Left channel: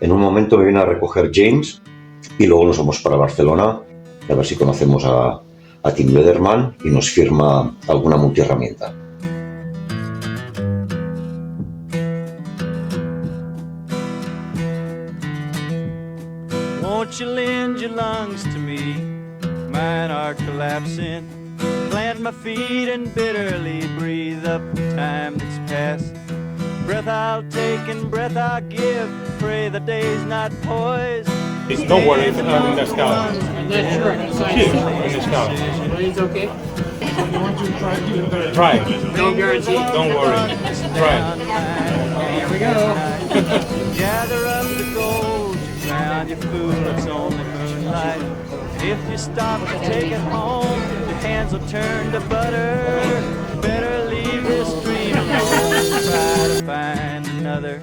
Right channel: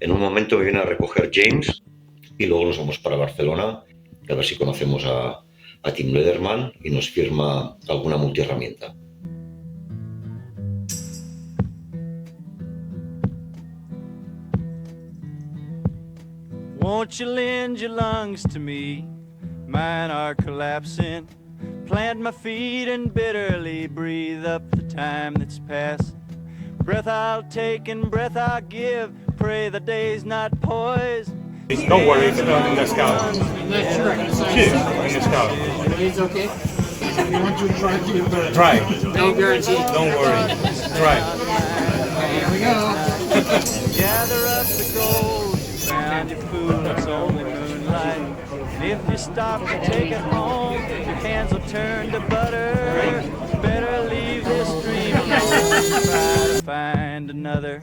En un momento me viene a recoger James y luego nos vamos para Barcelona, a ver si conocemos a Tim Leatherman y nos firma alguna multiherramienta. Won't you lend your lungs to me? Mine are collapsing. Plant my feet and bitterly breathe up the time that's passed. Breath I'll take and breath I'll give. Pray the day's not poised. Don't worry if it's not in the scout. I'm not sure I'm going to sign Shit, something. in the scout. Money's okay? You want to try to get the Try. No guarantee. Don't worry. Try. Here we go. Gather up the gold you found, you fool, it's only moonlight. And if you stop to take it home, your hands will turn to butter. Better leave this dream alone, try to find another.